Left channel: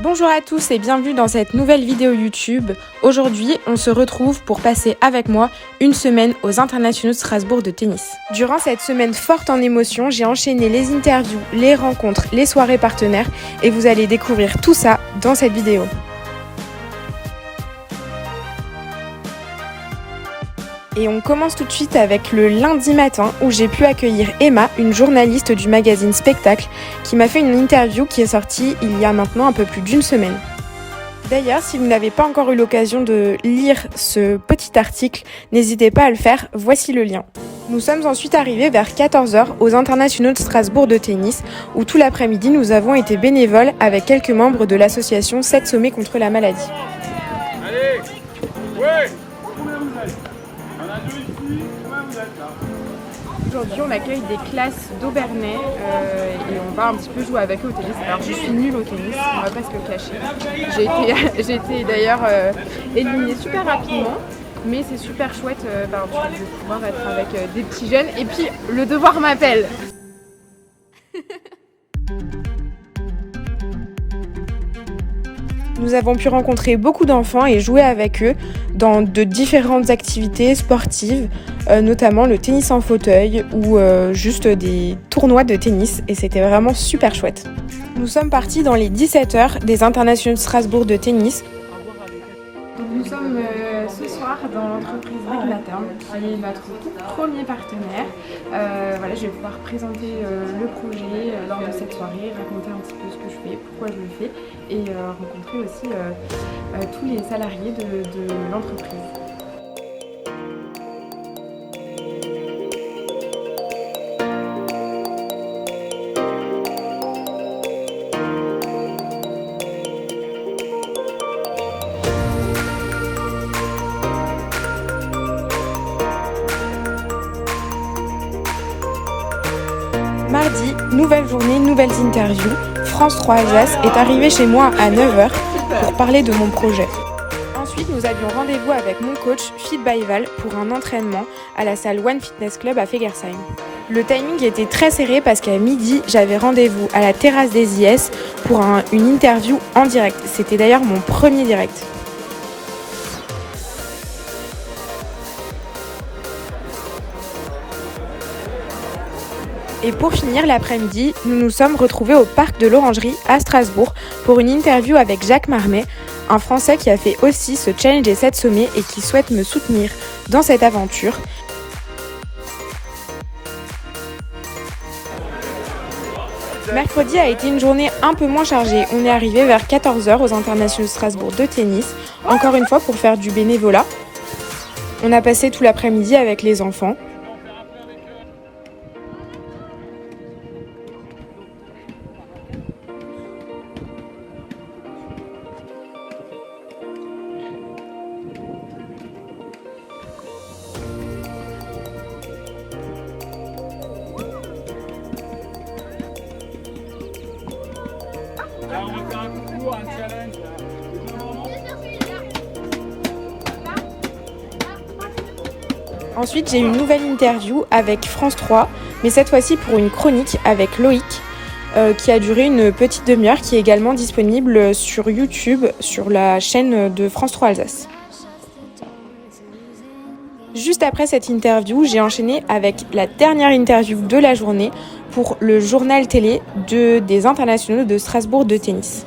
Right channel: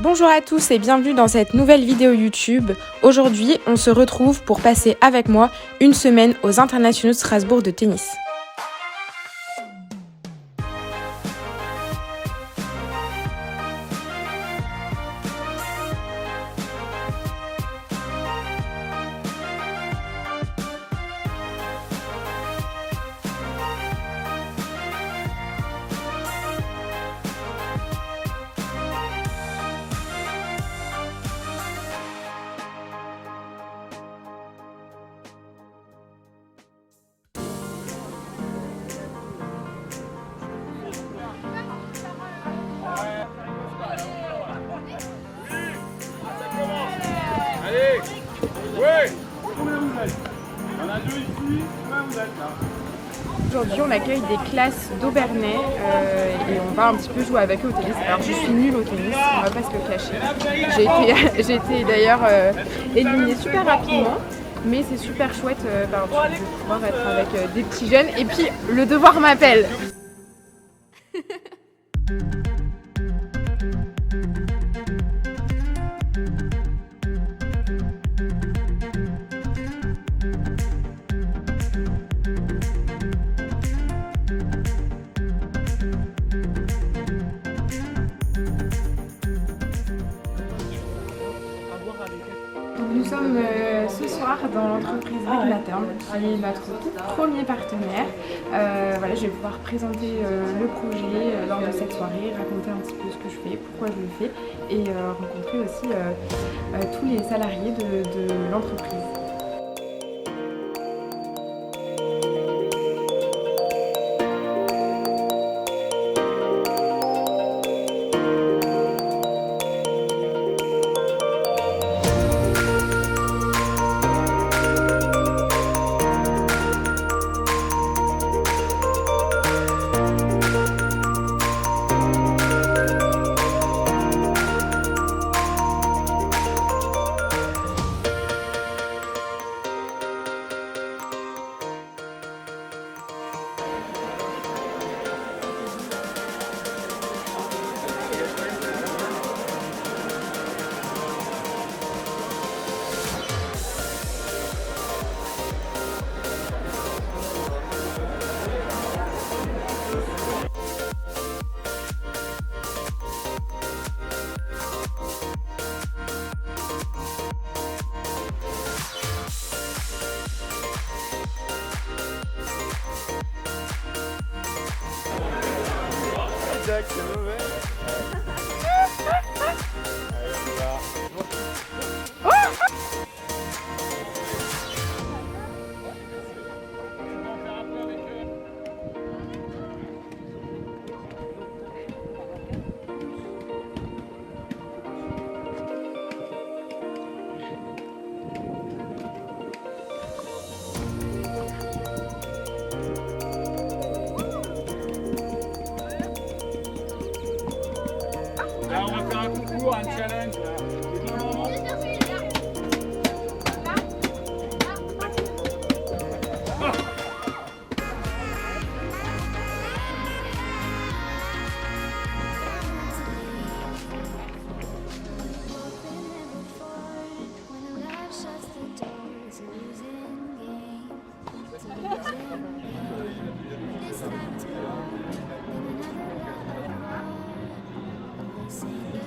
Bonjour à tous et bienvenue dans cette nouvelle vidéo YouTube. Aujourd'hui, on se retrouve pour passer avec moi une semaine aux Internationaux de Strasbourg de tennis. Durant cette semaine forte en émotions, j'ai enchaîné les interviews, les rencontres, les soirées partenaires et vous allez découvrir tout ça dans cette vidéo. Et on commence tout de suite avec le lundi matin où j'ai pu accueillir Emma, une journaliste du magazine Spectacle, qui m'a fait une interview qui est sortie il y a maintenant un peu plus d'une semaine. D'ailleurs, si vous n'avez pas encore eu l'occasion de lire ce petit article, n'hésitez pas à le faire, voici le lien. Nous sommes ensuite arrivés vers 14h aux Internationaux de Strasbourg de tennis, où tout l'après-midi nous avons été bénévoles avec quelques membres de l'association 7 sommets contre la maladie. Allez, ouais. On a deux ici, combien vous êtes là? Aujourd'hui, on accueille des classes d'Aubernais et on va un petit peu jouer avec eux au tennis. Alors, je suis nulle au tennis, on va pas se le cacher. J'ai été d'ailleurs éliminée super rapidement, mais c'est super chouette de pouvoir être avec des petits jeunes. Et puis, le devoir m'appelle. Nous avons pu rencontrer beaucoup d'enfants et jouer avec eux dans de différentes activités sportives, notamment le tennis en fauteuil ou juste des tournois de tennis et c'était vraiment super chouette. Nous sommes partis dans les 17h des Internationaux de Strasbourg de tennis. Donc nous sommes ce soir dans l'entreprise Réglaterm qui est notre tout premier partenaire. Voilà, je vais pouvoir présenter le projet lors de cette soirée, raconter un petit peu ce que je fais, pourquoi je le fais et rencontrer aussi tous les salariés de l'entreprise. Nouvelle journée, nouvelles interviews. France 3 Alsace est arrivé chez moi à 9h pour parler de mon projet. Ensuite, nous avions rendez-vous avec mon coach Fit by Val pour un entraînement à la salle One Fitness Club à Fegersheim. Le timing était très serré parce qu'à midi, j'avais rendez-vous à la terrasse des IS pour une interview en direct. C'était d'ailleurs mon premier direct. Et pour finir l'après-midi, nous nous sommes retrouvés au parc de l'Orangerie à Strasbourg pour une interview avec Jacques Marnet, un Français qui a fait aussi ce challenge des 7 sommets et qui souhaite me soutenir dans cette aventure. Mercredi a été une journée un peu moins chargée. On est arrivé vers 14h aux Internationaux de Strasbourg de tennis, encore une fois pour faire du bénévolat. On a passé tout l'après-midi avec les enfants. Là, on va faire un concours, un challenge. Ensuite, j'ai eu une nouvelle interview avec France 3, mais cette fois-ci pour une chronique avec Loïc, qui a duré une petite demi-heure, qui est également disponible sur YouTube, sur la chaîne de France 3 Alsace. Juste après cette interview, j'ai enchaîné avec la dernière interview de la journée pour le journal télé des Internationaux de Strasbourg de tennis.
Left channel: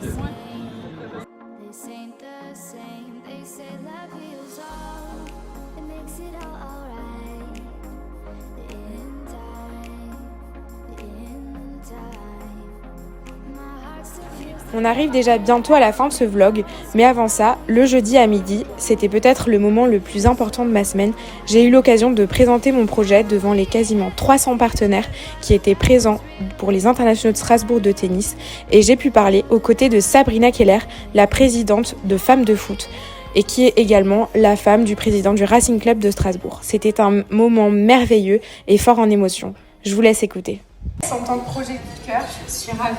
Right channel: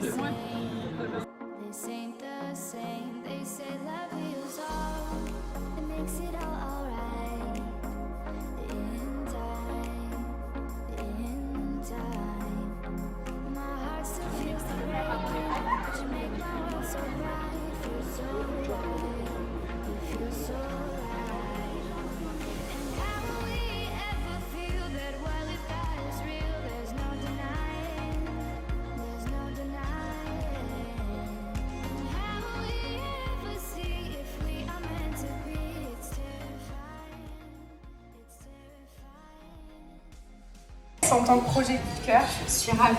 On arrive déjà bientôt à la fin de ce vlog, mais avant ça, le jeudi à midi, c'était peut-être le moment le plus important de ma semaine. J'ai eu l'occasion de présenter mon projet devant les quasiment 300 partenaires qui étaient présents pour les Internationaux de Strasbourg de tennis et j'ai pu parler aux côtés de Sabrina Keller, la présidente de Femmes de Foot et qui est également la femme du président du Racing Club de Strasbourg. C'était un moment merveilleux et fort en émotion. Je vous laisse écouter. En tant que projet de cœur, je suis ravie.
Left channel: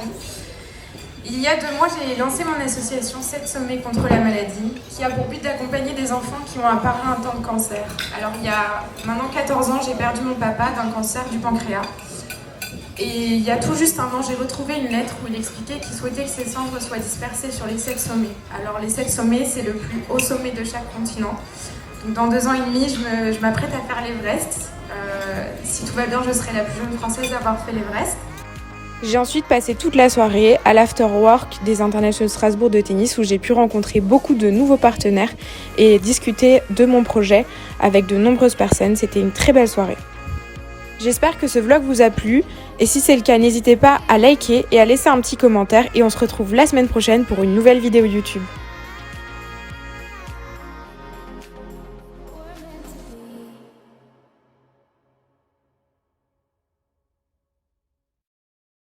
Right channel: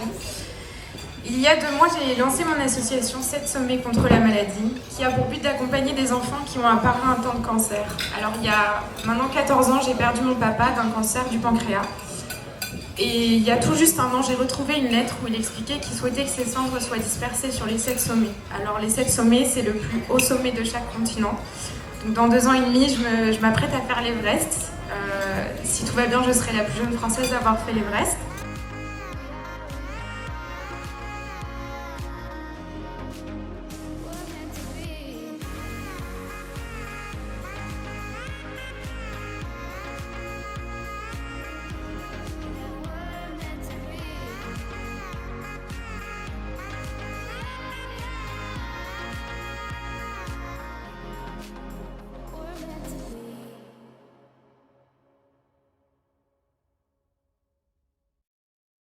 Il y a 2 mois, j'ai lancé mon association 7 sommets contre la maladie, qui a pour but d'accompagner des enfants qui ont un parrain atteint de cancer. Alors il y a maintenant 14 ans, j'ai perdu mon papa d'un cancer du pancréas. Et il y a tout juste un an, j'ai retrouvé une lettre où il expliquait qu'il souhaitait que ses cendres soient dispersées sur les 7 sommets. Alors les 7 sommets, c'est le plus haut sommet de chaque continent. Donc dans 2 ans et demi, je m'apprête à faire l'Everest. Si tout va bien, je serai la plus jeune Française à avoir fait l'Everest. J'ai ensuite passé toute la soirée à l'afterwork des Internationaux de Strasbourg de tennis où j'ai pu rencontrer beaucoup de nouveaux partenaires et discuter de mon projet avec de nombreuses personnes. C'était une très belle soirée. J'espère que ce vlog vous a plu et si c'est le cas, n'hésitez pas à liker et à laisser un petit commentaire et on se retrouve la semaine prochaine pour une nouvelle vidéo YouTube.